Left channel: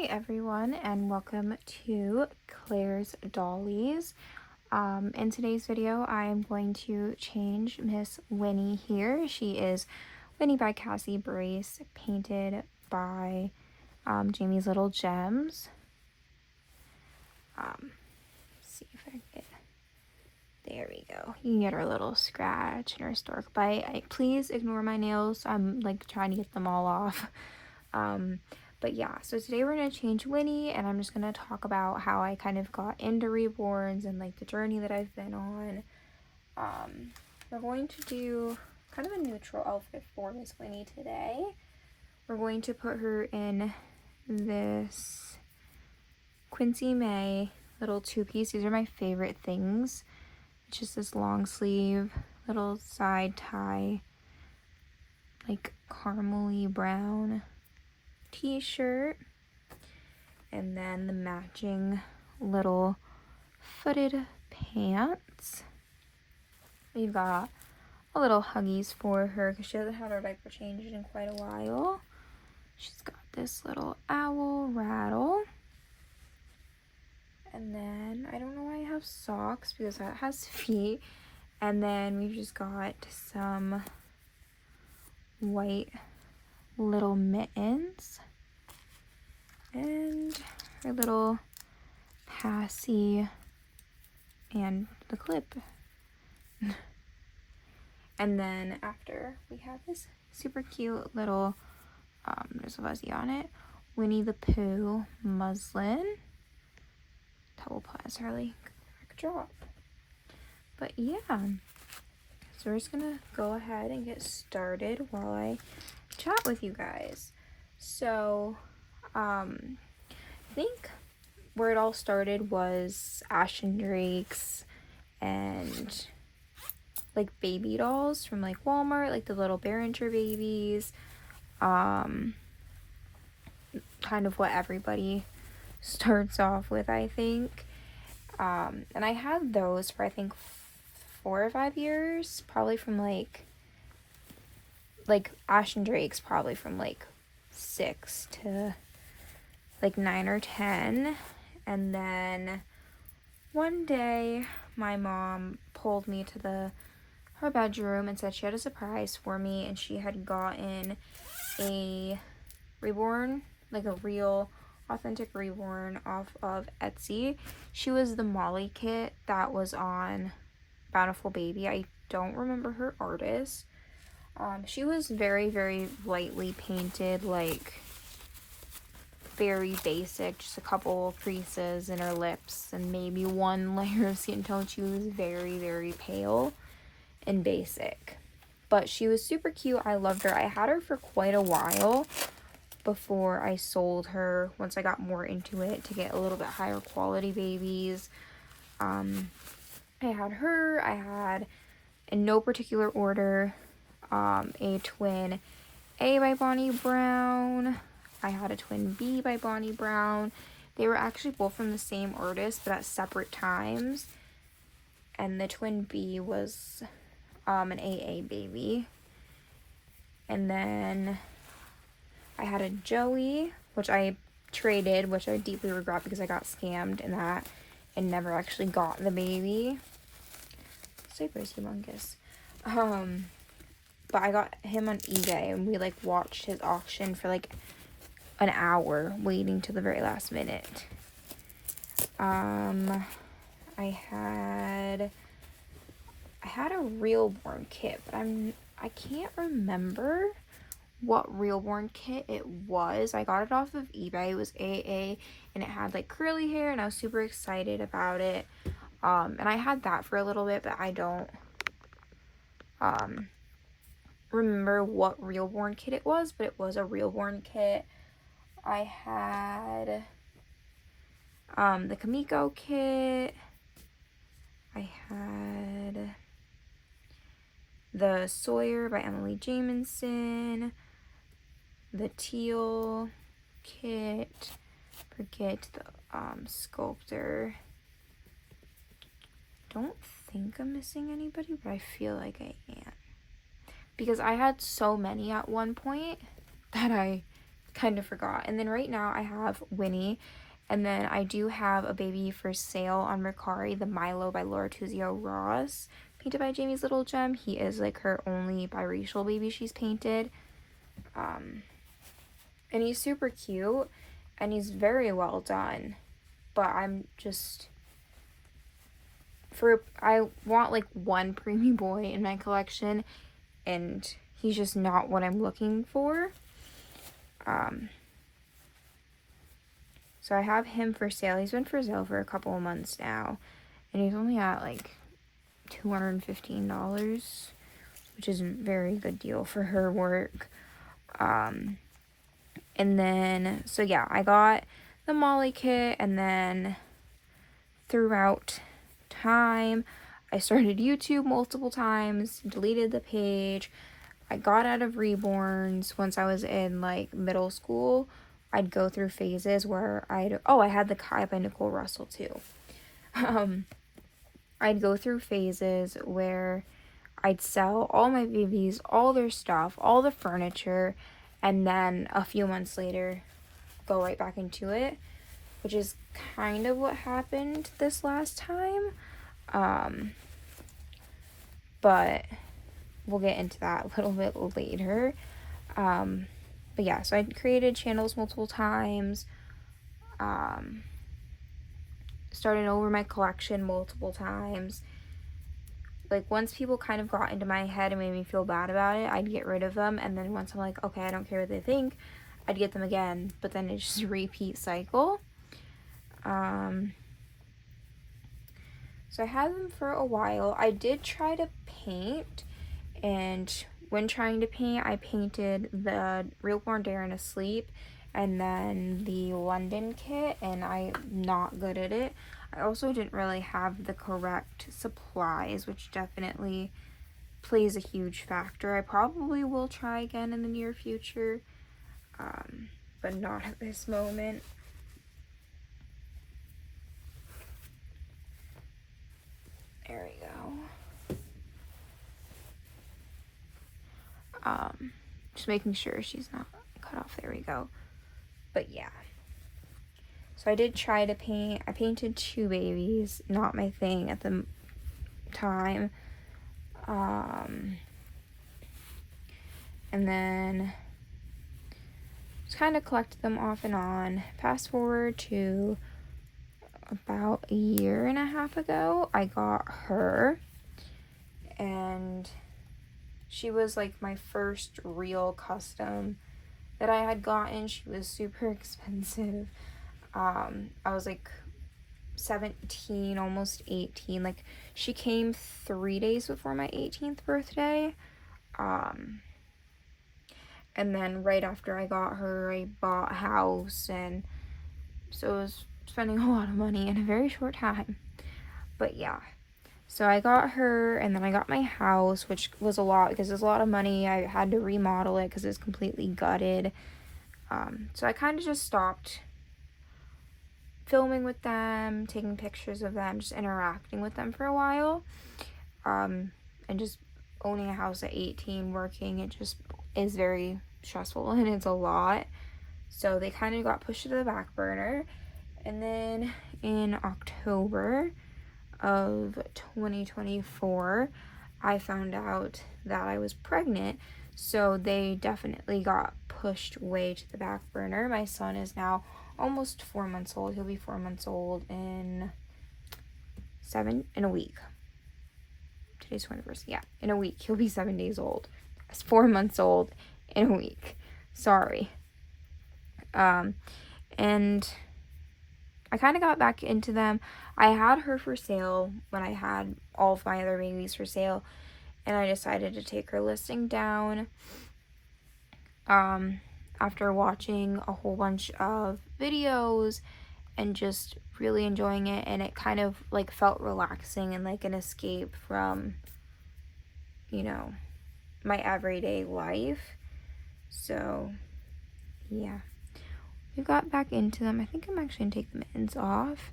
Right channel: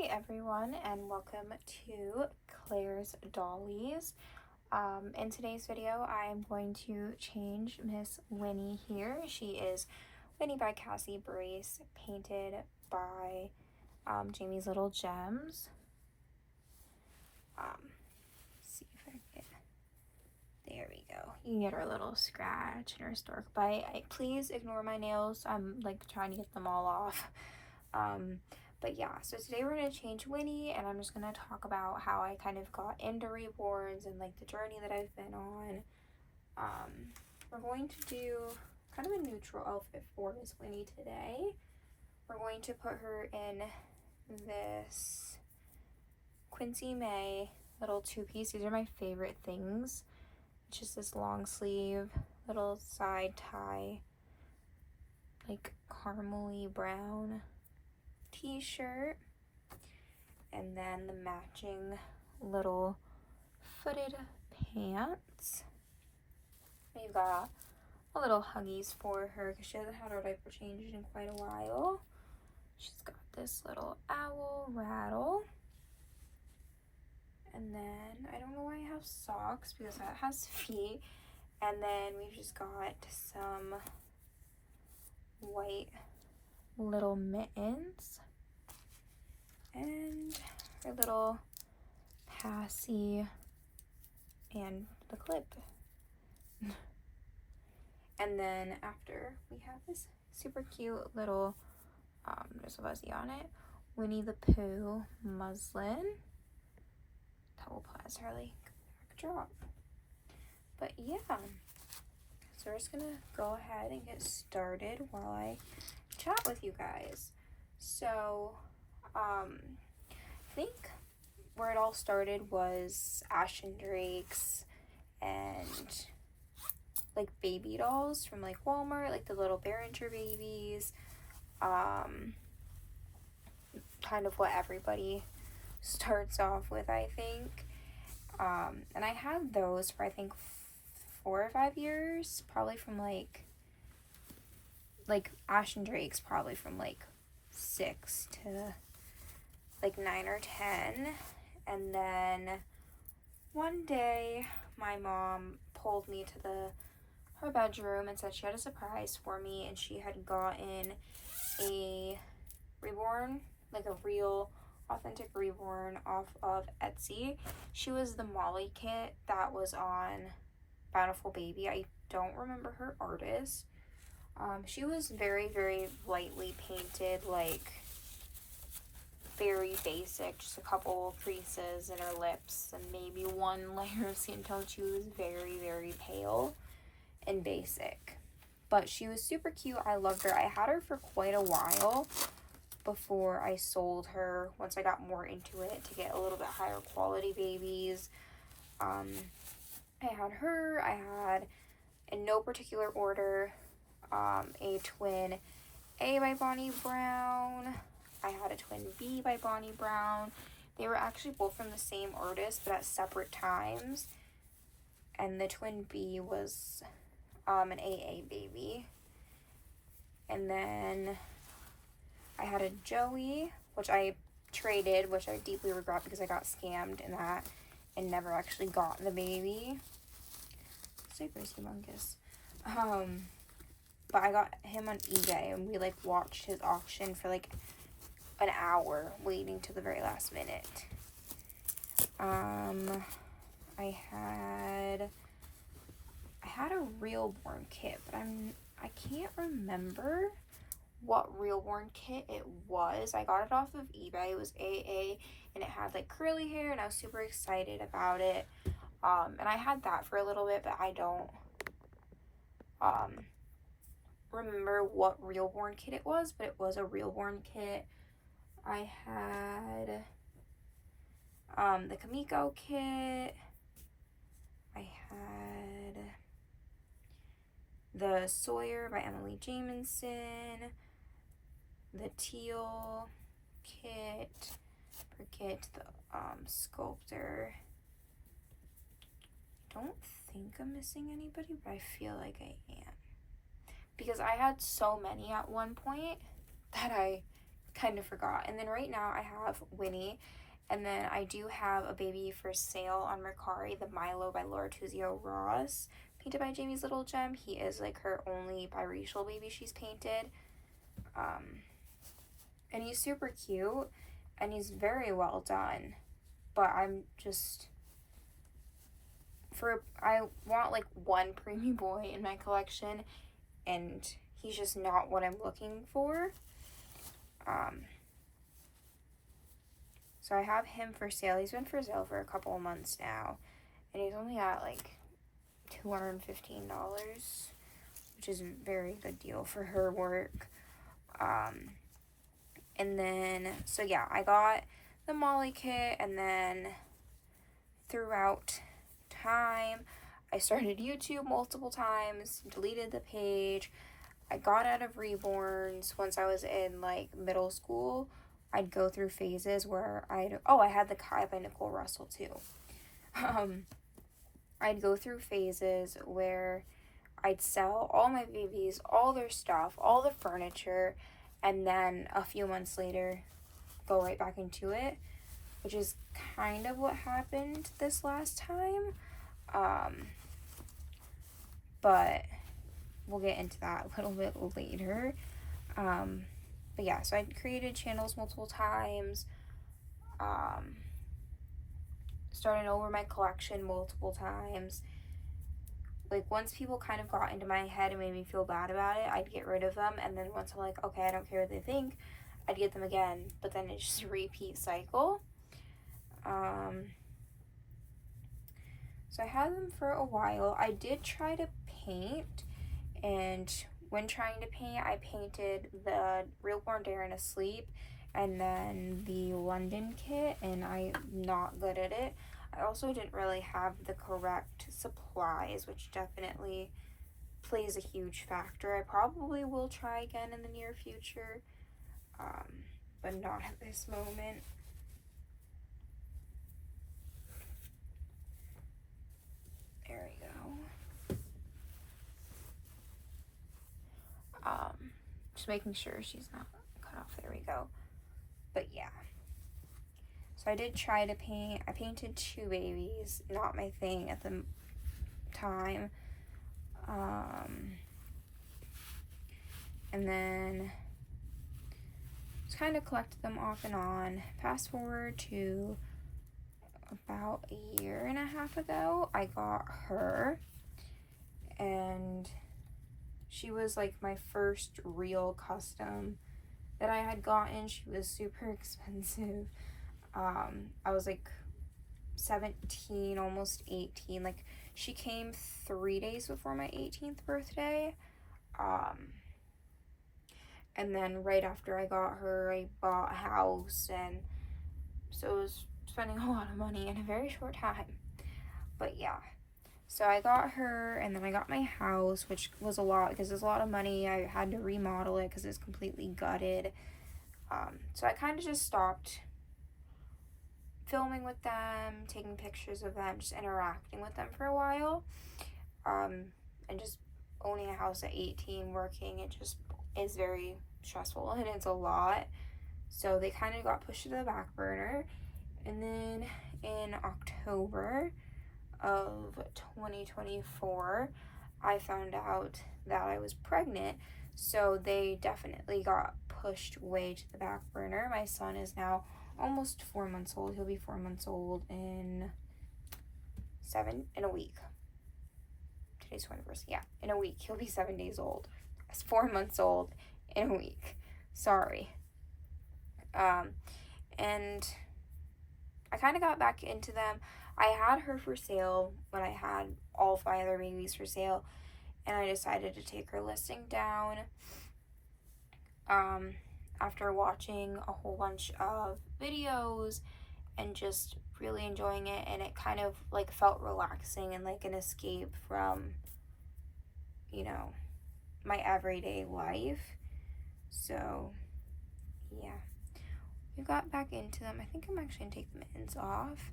Hi everyone, and welcome to Claire's Dollies. In today's video I'm going to change Miss Winnie here. She is Winnie by Cassie Brace, painted by Jamie's Little Gems. See if I can get, there we go. You can get her little scratch and her stork bite. Please ignore my nails, I'm like trying to get them all off. But yeah, so today we're going to change Winnie, and I'm just going to talk about how I kind of got into Reborns and like the journey that I've been on. We're going to do kind of a neutral outfit for Miss Winnie today. We're going to put her in this Quincy May little two-piece. These are my favorite things. It's just this long sleeve, little side tie, like caramely brown t-shirt, and then the matching little footed pants. We've got a little Huggies for her because she hasn't had her diaper changed in quite a while. She's got this little owl rattle, and then I don't know why I have socks because that has feet, and then we've just got some white little mittens and our little Cassie and the clip. And then after we have this super cute little there's a fuzzy on it, Winnie the Pooh muslin. Double plaits really backdrop. But yeah, so we're just gonna go ahead and get started while I chat with you guys. So I think where it all started was Ashen Drakes and like baby dolls from like Walmart, like the little Behringer babies. Kind of what everybody starts off with, I think. And I had those for I think 4 or 5 years, probably from like Ashen Drakes probably from like 6 to like 9 or 10. And then one day my mom pulled me to her bedroom and said she had a surprise for me, and she had gotten a Reborn, like a real authentic Reborn off of Etsy. She was the Molly kit that was on Bountiful Baby. I don't remember her artist. She was very, very lightly painted, like very basic, just a couple creases in her lips and maybe one layer of skin tone. She was very, very pale and basic, but she was super cute. I loved her. I had her for quite a while before I sold her once I got more into it to get a little bit higher quality babies. I had her. I had, in no particular order, a twin A by Bonnie Brown. I had a twin B by Bonnie Brown. They were actually both from the same artist, but at separate times. And the twin B was an AA baby. And then I had a Joey, which I traded, which I deeply regret because I got scammed in that and never actually got the baby. Super's humongous. But I got him on eBay, and we like watched his auction for like an hour, waiting till the very last minute. I had a Reborn kit, but I can't remember what Reborn kit it was. I got it off of eBay. It was AA, and it had like curly hair, and I was super excited about it. And I had that for a little bit, but I don't remember what Reborn kit it was, but it was a Reborn kit. I had the Kamiko kit. I had the Sawyer by Emily Jamison, the Teal kit, forget the Sculptor. Don't think I'm missing anybody, but I feel like I am, because I had so many at one point that I kind of forgot. And then right now I have Winnie, and then I do have a baby for sale on Mercari, the Milo by Laura Tuzio Ross, painted by Jamie's Little Gem. He is like her only biracial baby she's painted. And he's super cute, and he's very well done. But I'm just, I want like one preemie boy in my collection, and he's just not what I'm looking for. So I have him for sale. He's been for sale for a couple of months now, and he's only at like $215, which isn't a very good deal for her work. And then, so yeah, I got the Molly kit, and then throughout time, I started YouTube multiple times, deleted the page. I got out of Reborns once I was in like middle school. I'd go through phases where I had the Kai by Nicole Russell too. I'd go through phases where I'd sell all my babies, all their stuff, all the furniture, and then a few months later go right back into it, which is kind of what happened this last time. But we'll get into that a little bit later. But yeah, so I created channels multiple times, started over my collection multiple times. Like, once people kind of got into my head and made me feel bad about it, I'd get rid of them. And then once I'm like, okay, I don't care what they think, I'd get them again. But then it's just a repeat cycle. So I had them for a while. I did try to paint, and when trying to paint, I painted the Reborn Darren Asleep and then the London kit, and I'm not good at it. I also didn't really have the correct supplies, which definitely plays a huge factor. I probably will try again in the near future, but not at this moment. There we go. Just making sure she's not cut off. There we go. But yeah. So I did try to paint. I painted 2 babies. Not my thing at the time. And then just kind of collected them off and on. Fast forward to about a year and a half ago, I got her, and she was like my first real custom that I had gotten. She was super expensive. I was like 17, almost 18. Like, she came 3 days before my 18th birthday. And then right after I got her, I bought a house, and so it was spending a lot of money in a very short time. But yeah, so I got her, and then I got my house, which was a lot because it was a lot of money. I had to remodel it because it was completely gutted. So I kind of just stopped filming with them, taking pictures of them, just interacting with them for a while. And just owning a house at 18, working, it just is very stressful and it's a lot. So they kind of got pushed to the back burner. And then in October of 2024, I found out that I was pregnant. So they definitely got pushed way to the back burner. My son is now almost 4 months old. He'll be 4 months old in a week. Today's 21st. Yeah, in a week. He'll be 7 days old. He's 4 months old in a week. Sorry. And I kind of got back into them. I had her for sale when I had all of my other babies for sale, and I decided to take her listing down after watching a whole bunch of videos and just really enjoying it, and it kind of like felt relaxing and like an escape from, you know, my everyday life. So yeah, we got back into them. I think I'm actually gonna take the mittens off.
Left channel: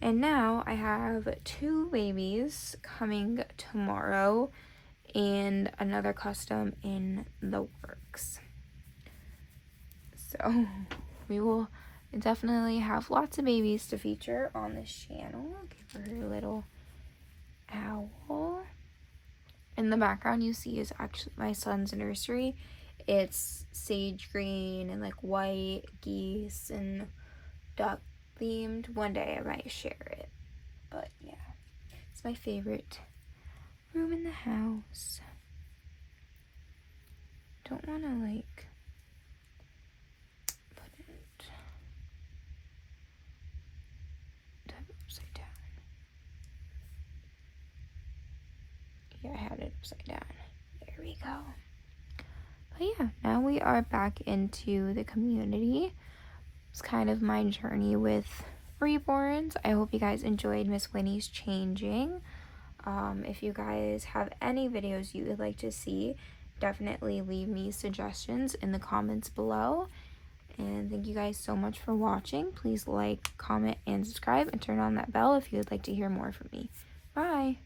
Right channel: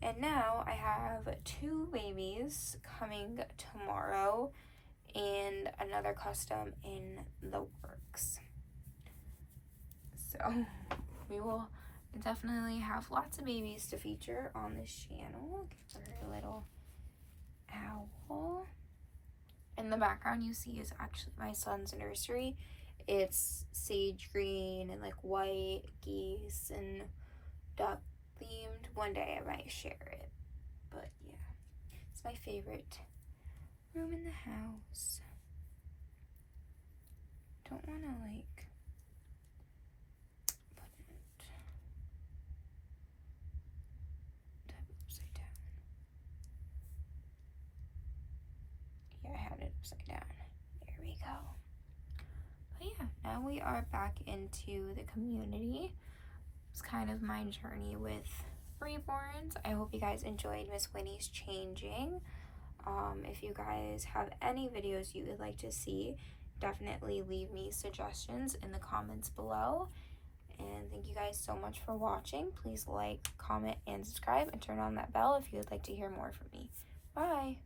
And now I have 2 babies coming tomorrow and another custom in the works. So we will definitely have lots of babies to feature on this channel. Give her a little owl. In the background you see is actually my son's nursery. It's sage green and like white geese and duck themed. One day I might share it, but yeah, it's my favorite room in the house. Don't want to like put it upside down. Yeah, I had it upside down. There we go. But yeah, now we are back into the community. It's kind of my journey with Reborns. I hope you guys enjoyed Miss Winnie's changing. If you guys have any videos you would like to see, definitely leave me suggestions in the comments below. And thank you guys so much for watching. Please like, comment, and subscribe, and turn on that bell if you would like to hear more from me. Bye!